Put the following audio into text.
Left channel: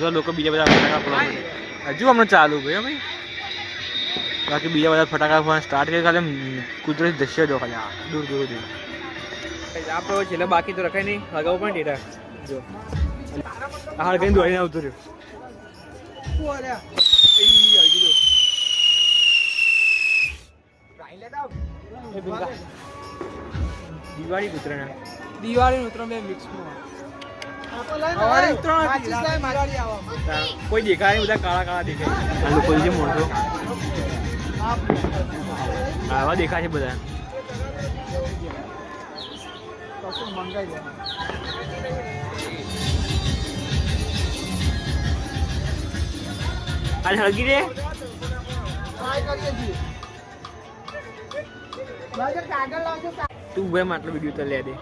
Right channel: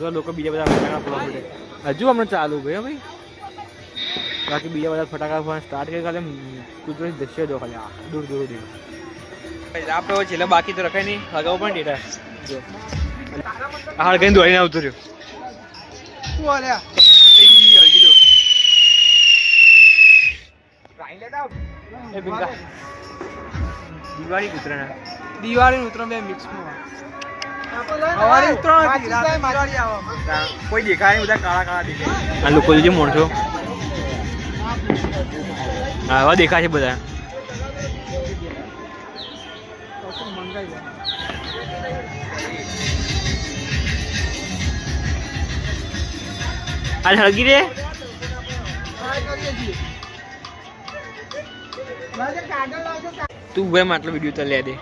જો લોકો બીજા બધા ફટાકડા ફોડવા મળે હજુ હમણાં ચાલુ ભાઈ ભાઈ બાકી બીજા બધા ફટાકડા ફોડવા સ્ટાર્ટ કરી ખાલી કુદરતી દ્રશ્ય જો ખાલી દૂર દૂર દૂર આપણે છેલ્લે બાકી તો રખાય નહીં અગાઉ પણ ડેટા જો હાલ કઈ દોડીને આવતો રહ્યો દિવાળી ઉત્તરાયણ બે મિક્સમાં કોઈ દેખાય નહીં બધા કાળા કાળા દેખાય આ લોકો જે મોણસો આવા દેખાય છે બધા આ હળગી રે તું ભાઈ માટલો વિડીયો તો લે દે